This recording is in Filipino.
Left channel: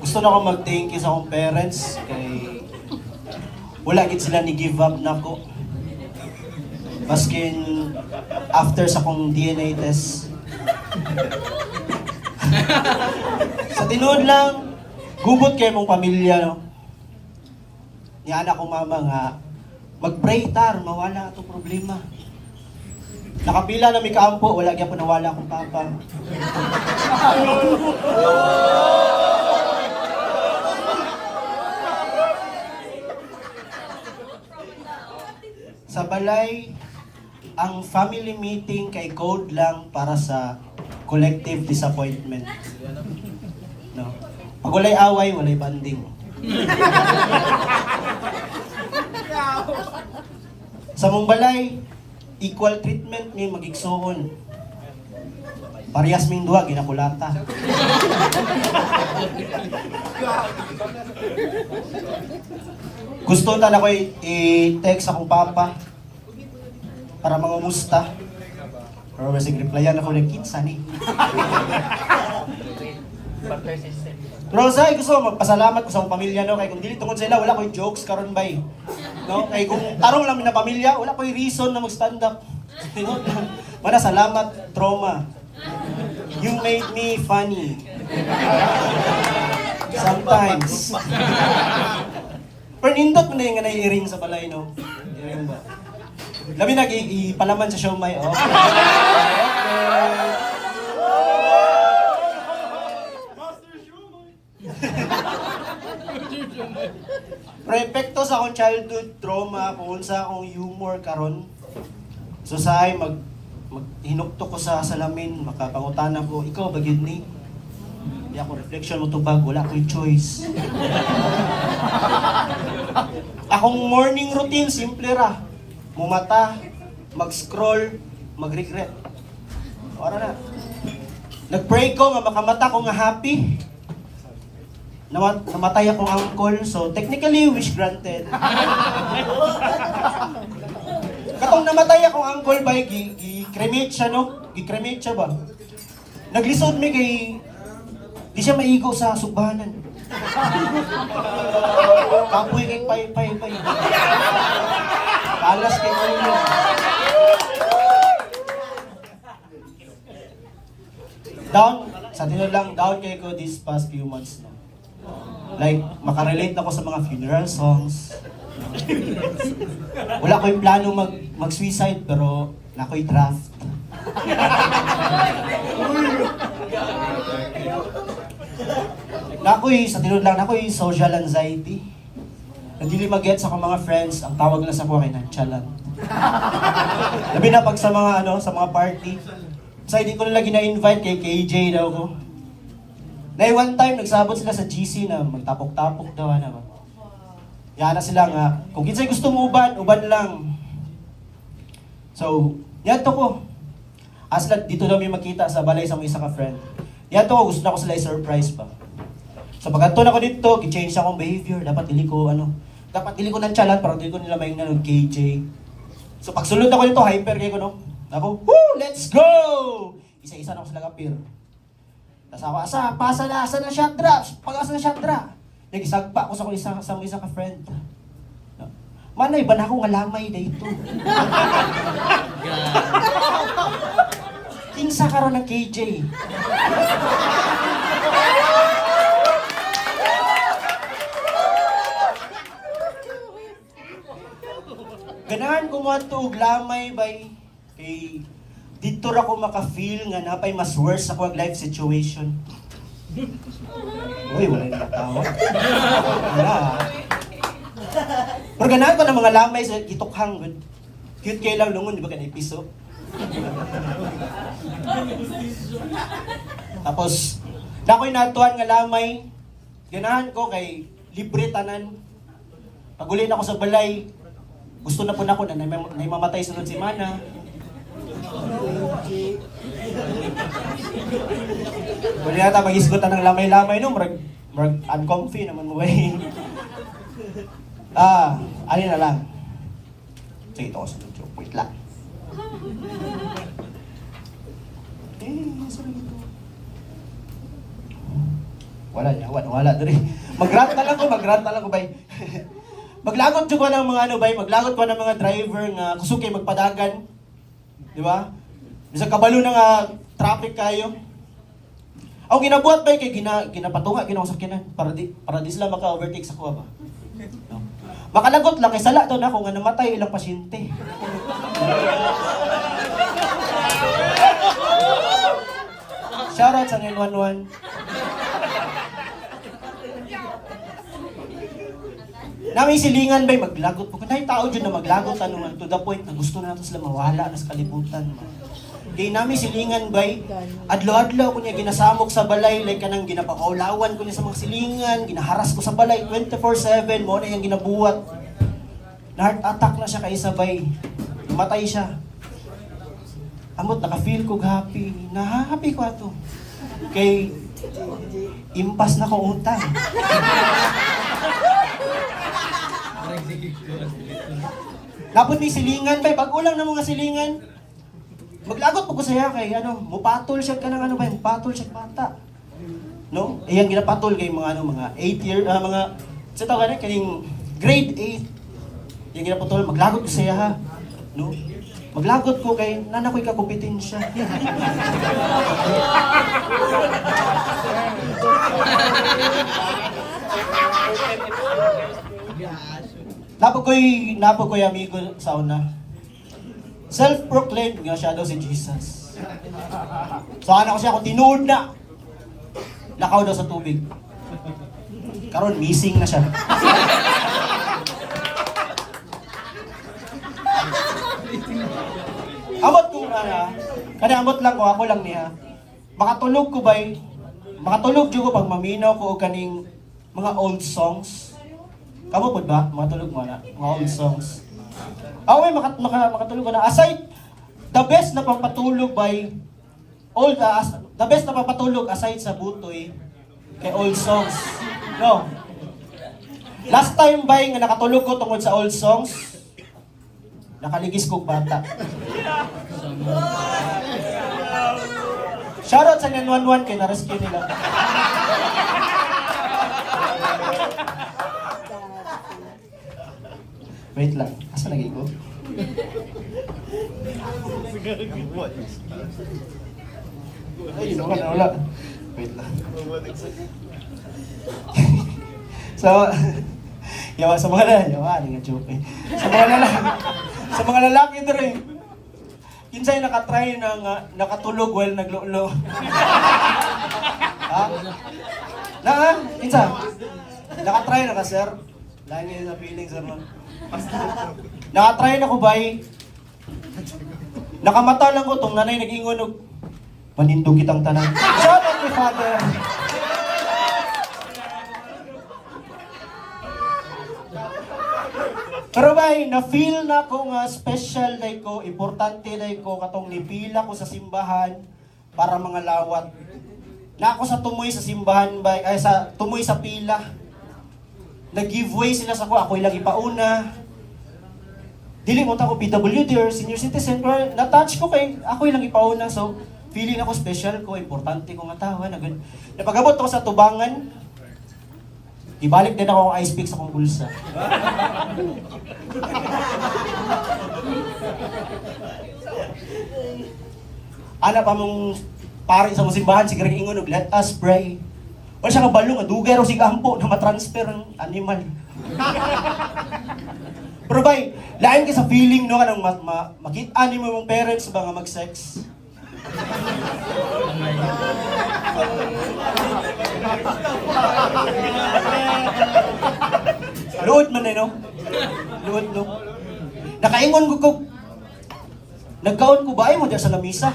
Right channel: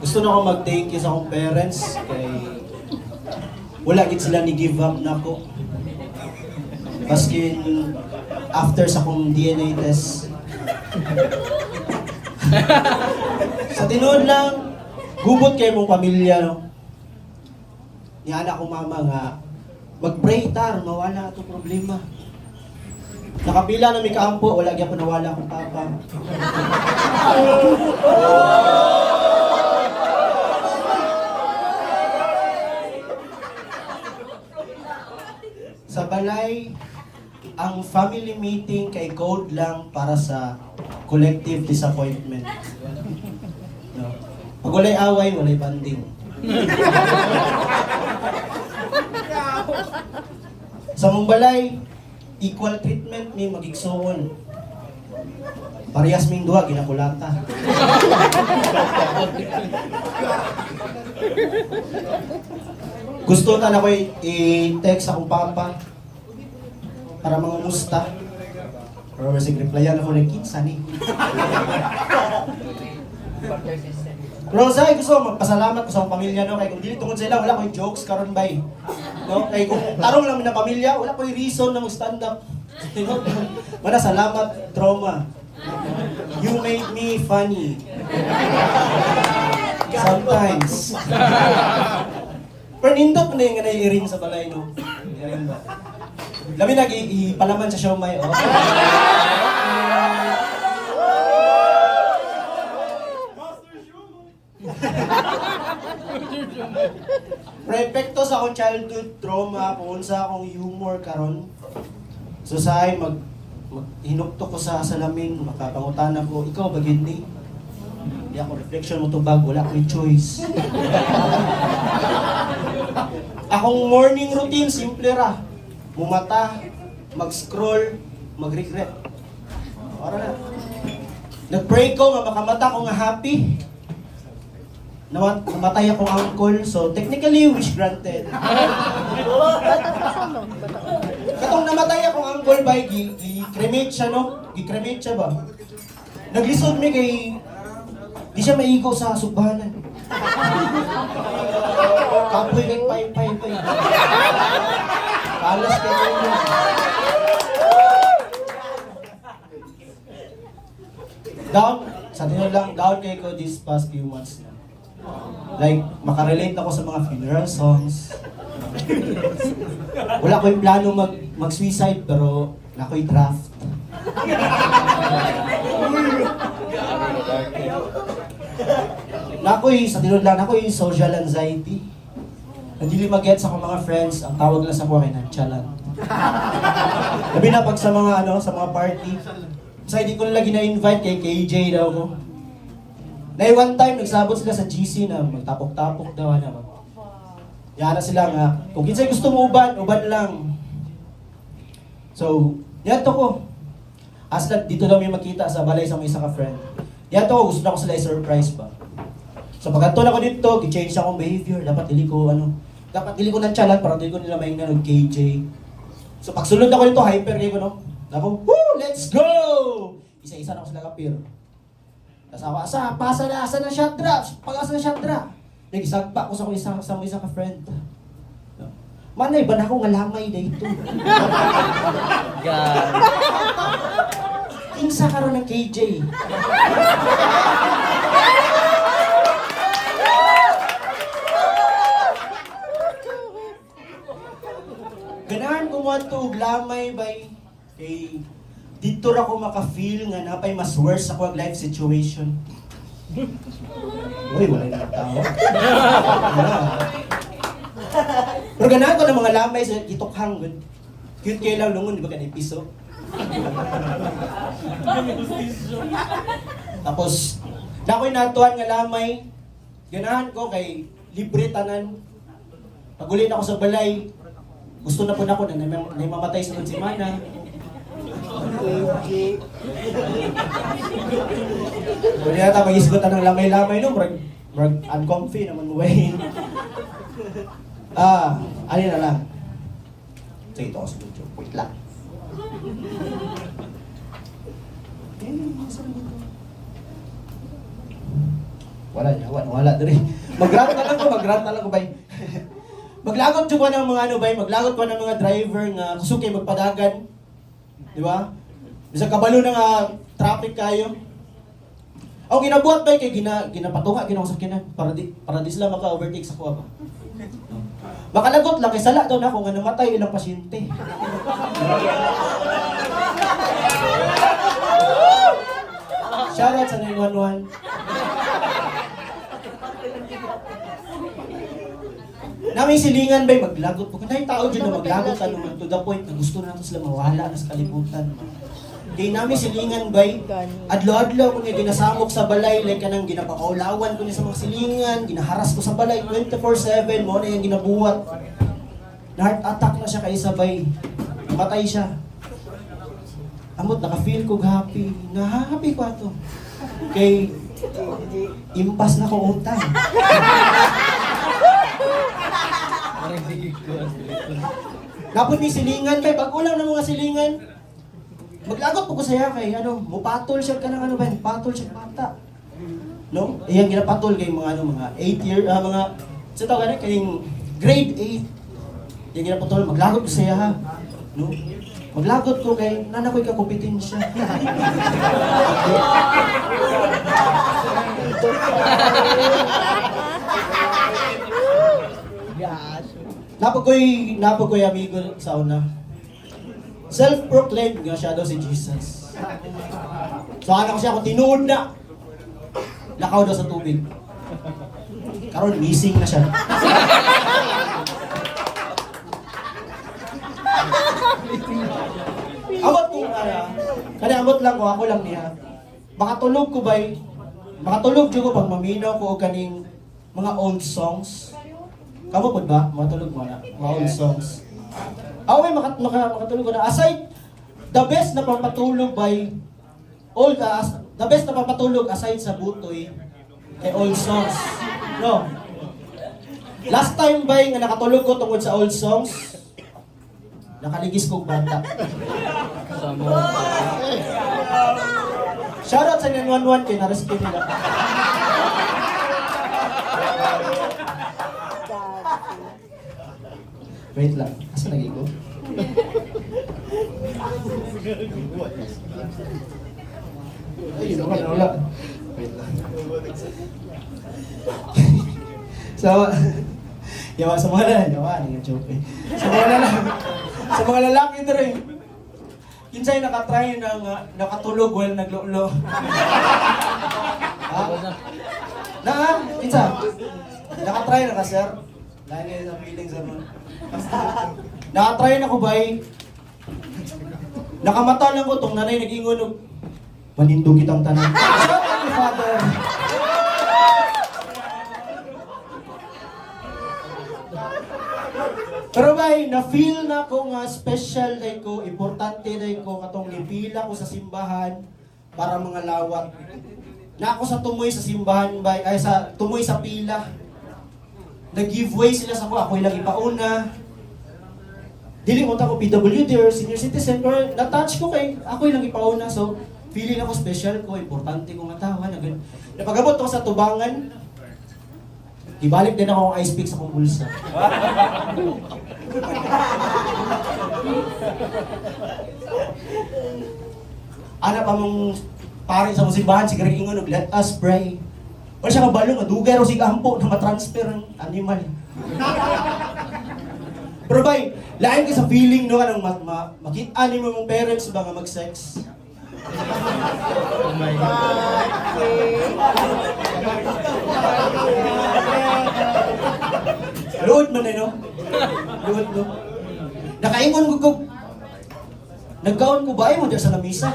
gusto na akong mag-thank you sa akong parents kay wala gid sila ni give up na ko. Baskin after sa akong DNA test. Sa tinuod lang, gubot kay mong pamilya, no? Ni anak ko mama nga, mag-pray tar, mawala itong problema. Nakapila na may kaampo, wala gyapon nawala akong papa. Sa balay, ang family meeting kay code lang para sa collective disappointment. No. Pag walay away, walay banding. Sa mong balay, equal treatment may magigsoon. Parehas ming duha, ginakulata. Gusto na ko i-text akong papa para mangumusta. Pero masig replyan ako ng kinsa ni. Pero sa gusto magpasalamat ko sa akong pamilya, no, kay kung dili tungod sila wala koy jokes karon bay. No, kay kung tarong lang na pamilya, wala koy reason na mag-stand up. Mana salamat trauma. You made me funny. Sometimes. Pero nindot mo na yung i-ring sa balay, no? I-ring ba? Labi ipalaman sa siomay, oh. Prepekto sa akong childhood trauma, kung sa akong humor karon. So sa ay hinukto ko sa salamin, makapangutana ko, ikaw ba yun ni? Di ako reflection mo tubag, wala ko'y choice. Akong morning routine, simple ra. Mumata, mag-scroll, mag-regret. Ora na. Nag-pray ko nga makamata ko nga happy. Namatay akong uncle, so technically wish granted. Katong namatay akong uncle ba, gi-cremate siya, no? Gi-cremate siya ba? Naglisod mi kay di siya maigo sa subahanan. Kapoy kay pay. Alas kay pay. Down, sa tino lang, down kay ko this past few months na. Like, makarelate ako sa mga funeral songs. Wala ko yung plano mag-suicide, pero na ko yung draft. Nakoy, sa tinod lang, nakoy social anxiety. Hindi mag-get sa akong mga friends, ang tawag lang sa mga kinantsalan. Labi na pag sa mga sa mga party. Sa hindi ko nila gina-invite kay KJ daw ko. Na one time, nagsabot sila sa GC na magtapok-tapok daw na. Yana sila nga, kung kinsay gusto mo uban lang. So, yato ko. Aslan, dito daw may makita sa balay sa mga isa ka friend. Yato ko, gusto na ko sila i-surprise pa. So pagkanto na ko dito, i-change akong behavior. Dapat dili ko ng chalan para dili ko nila may ng KJ. So pagsulod ako dito, hyper kayo ko, no? Ako, woo, let's go! Isa-isa na ako sila kapir. Tapos ako, asa na Chandra? Pag-asa na Chandra? Nag-isagpa ko sa isa ka friend. No? Manay, ba na ako nga lamay na ito? God. Kinsa ka ron ng KJ? Ganahan ko mo ito, lamay bay. Kay dito ra ko maka-feel nga napay mas worse ako ang life situation. Uy, wala na nakatawa. Pero ganahan ko ng mga lamay sa gitukhang. Cute kayo lang lungon, di ba kanay piso? Tapos, na ako'y natuan nga lamay, ganahan ko kay libre tanan. Pag ulit ako sa balay, gusto na po na ako na mamatay sunod si Mana. Wala yata mag-isgot ng lamay-lamay no, marag uncomfy naman mo ba alin na lang. Sige, ito ako sa YouTube. Wait lang. Wala niya, wala diri. Magrant na lang ko bay. Maglagot jud ko ng mga ano bay, maglagot ko ng mga driver nga kusog kay magpadagan. Di ba? Bisa kabalo na nga traffic kayo. Ang ginabuhat bay kay ginapatunga ginang sakyanan para di sila maka-overtake sa kuha ba. Makalagot lang kay sala daw na ako nga namatay ilang pasyente. Shoutout sa 911. Naming silingan ba'y maglagot ko. Kaya tao dyan na maglagot ano, to the point na gusto na sila mawala na sa kalibutan. Kaya namin silingan ba'y adlaw-adlaw ko niya ginasamok sa balay, like kanang ginapakaulawan ko niya sa mga silingan, ginaharas ko sa balay 24/7, mo na yung ginabuhat. Na-heart attack na siya kay sabay. Namatay siya. Amot, naka-feel ko happy. Happy ko ato. Kay impas na ko utang. Napod ni silingan bay, bago lang ng mga silingan. Maglagot po ko saya kay ano, mupatol siya ka ng ano ba, patol siya bata. No? Iyang ginapatol kay mga ano, mga 8 year, mga sa tao ganun kay grade 8. Iyang ginapatol, maglagot ko saya ha. No? Maglagot ko kay nana ko'y kakompetensya. Napag ko'y amigo sa una. Self-proclaimed nga siya daw si Jesus. So ano ko siya, kung tinuod na, lakaw daw sa tubig. Karon missing na siya. Amot ko na, kani amot lang ko, ako lang niya. Makatulog ko ba'y, makatulog ko pag maminaw ko o kaning mga old songs. Kamo po ba? Makatulog mo na, mga old songs. Ako may makatulog ko na. Aside, the best na pampatulog by old, the best na pampatulog aside sa butoy, kay old songs. No. Last time ba nga nakatulog ko tungkol sa old songs, nakaligis kong bata. Shoutout sa 911 kay na-rescue nila. Wait lang, asa lagi ko? Ay, wala. Wait lang. So, yawa sa mga joke eh. Sa mga lalaki dito kinsay nakatry ng nakatulog while naglulo. Ha? Kinsa? Nakatry na ka, sir? Lain na sa feeling, sir. Nakatry na ko ba nakamata lang ko tong nanay nag-ingon og manindog kitang tanan. Shout out to Father. Pero bay, na-feel na ko nga special day ko, importante day ko katong nipila ko sa simbahan para mga lawat. Na ako sa tumoy sa simbahan bay, ay sa tumoy sa pila. Nag-giveaway sila sa ako lang ipauna. Dili mo ta ko PWD or senior citizen, or na-touch ko kay ako lang ipauna. So, feeling ako special ko, importante ko nga tawa. Napagabot ako sa tubangan, ibalik din ako ang ice pick sa kong bulsa. Ana pa mong pare sa mong simbahan, si Greg Ingon, let us pray. Wala siya kabalong, adugay raw si Gampo na matransfer ang animal. Pero bay, lain ka sa feeling no, kanang makita ni mo mong parents ba nga mag-sex. Luod man eh, no? Luod, no? Nakaingon ko, nagkaon ko ba ay mo dyan sa lamisa?